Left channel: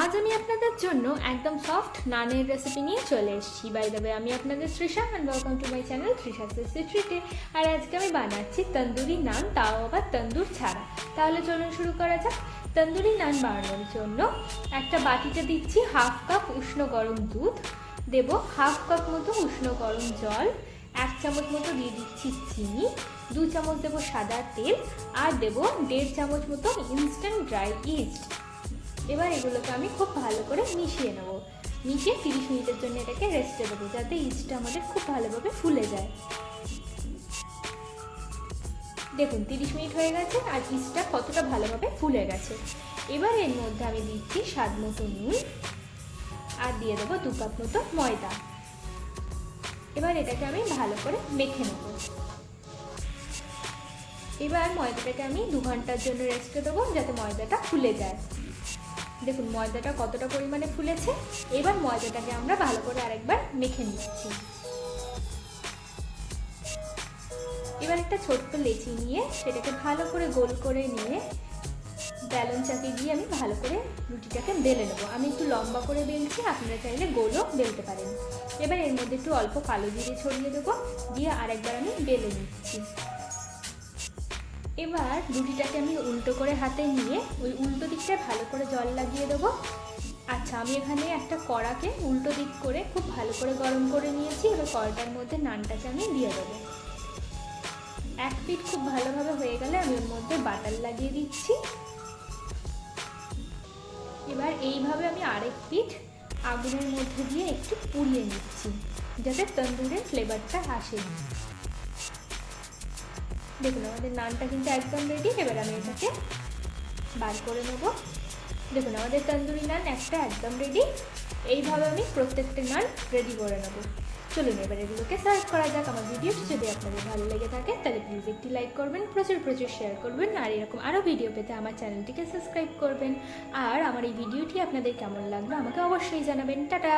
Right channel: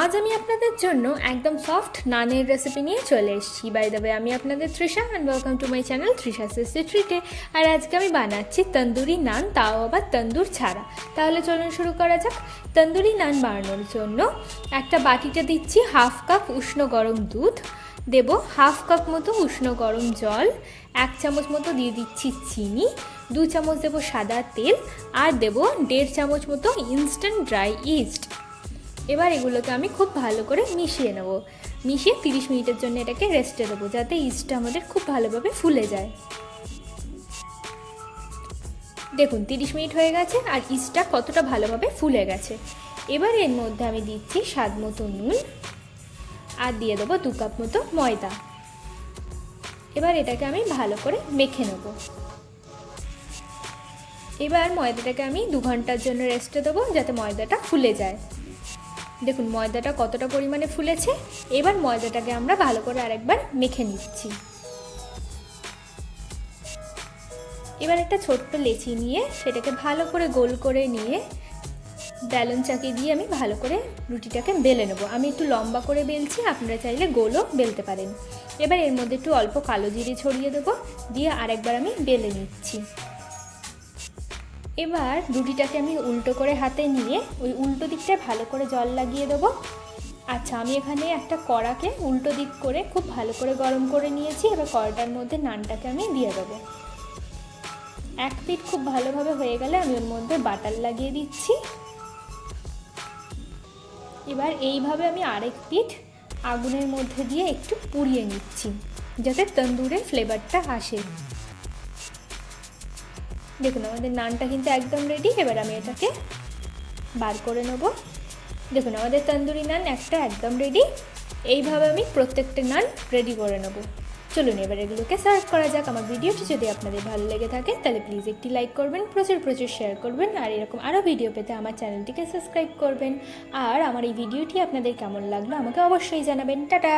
আজ আমি আপনাদের জন্য একদম সফট নানের রেসিপি নিয়ে চলে এসেছি। বাই দ্য ওয়ে, আমি আপনাদের Trisha and welcome to my channel Trisha ট্রিটে। আর আজকে আমি বানাচ্ছি তন্দুরি নান, তাও আবার তন্দুর ছাড়া। তাহলে চলুন শুরু করা যাক। তন্দুরি নান বানানোর জন্য একটা বাটিতে দিচ্ছি হাফ কাপ উষ্ণ গরম দুধ, দেব হাফ কাপ মতো উষ্ণ গরম জল, 1 চামচ মতো দিয়ে দিচ্ছি চিনি, 2 চামচ দেবো সাদা তেল, আর দেবো 1.5 চামচ মতো ইনস্ট্যান্ট ড্রাই ইস্ট। এবার এগুলোকে আমি খুব ভালো করে মিশিয়ে নেব। মিশিয়ে 30 মিনিটের জন্য এটাকে রেস্টে দেবো, যাতে ইস্টটা আমাদের খুব ভালোভাবে ফুলে যায়। দেখুন 30 মিনিট হয়ে গেছে আর ইস্টটা কতটা ভালোভাবে ফুলে গেছে। এবার এর মধ্যে আমি দিচ্ছি স্বাদ মতো নুন আর দিয়ে দেবো 2 কাপ মতো ময়দা। এবার এটাকে আমি ভালো করে মেখে নেব। এবার ময়দাটাকে আমি 2 ঘন্টার জন্য রেস্টে দেবো, যাতে ময়দাটা ফুলে যায়। দেখুন ময়দাটা কতটা পরিমাণে ফুলেছে। এবার ময়দাটাকে আমরা ভালো করে আরেকবার মেখে নিচ্ছি। এবার একটা ছোট্ট লেচি নিয়ে সেটাকে ভালো করে গোল করে নিয়ে বেলন চাকি দিয়ে আমি ভালো করে রুটিটাকে বেলে নেবো। আমি একটু লম্বা করে বেলছি, আপনারা চাইলে গোলও বেলতে পারেন। এবার এর মধ্যে একটু অল্প কালো জিরে ছড়িয়ে দেবো, দিয়ে আরেকবার আমি বেলে নিচ্ছি। এবার রুটিটাকে আমি উল্টো করে হাতে নিয়ে ওই উল্টো দিকটা ভালো করে জল লাগিয়ে দেবো। আচ্ছা, আমি এখানে একটা কড়াকে উল্টো দিক করে খুব ভালো করে গরম করে নিয়েছি। এবার কড়াটার মধ্যে নানটাকে আমি দিয়ে দেবো। এক পিঠ খুব ভালোভাবে হয়ে গেলে আমি ওর মধ্যে বাটার লাগিয়ে দিচ্ছি। এবার এইভাবে আমি আরেক পিঠ আগুনের মধ্যে দিয়ে একটু পুড়িয়ে নিচ্ছি, যাতে তন্দুরের ফ্লেভারটা আসে। দেখুন আমাদের নানটা কিন্তু একদম রেডি। এবার আমি এটাকে বার করে নেব। দেখুন আমাদের তন্দুরি নান একটা একদম রেডি। এইভাবে আমি প্রত্যেকটা নান রেডি করে নেব। চলুন এবার এগুলোকে সার্ভ করা যাক। আমার ভিডিওটি যদি আপনাদের ভালো লেগে থাকে তাহলে প্লিজ একটি লাইক করবেন, প্রচুর শেয়ার করবেন, আর এরকম আরও ভিডিও পেতে আমার চ্যানেলটিকে সাবস্ক্রাইব করবেন। আর আমার এই ভিডিওটি আপনাদের কেমন লাগলো আমাকে অবশ্যই জানাবেন। টাটা।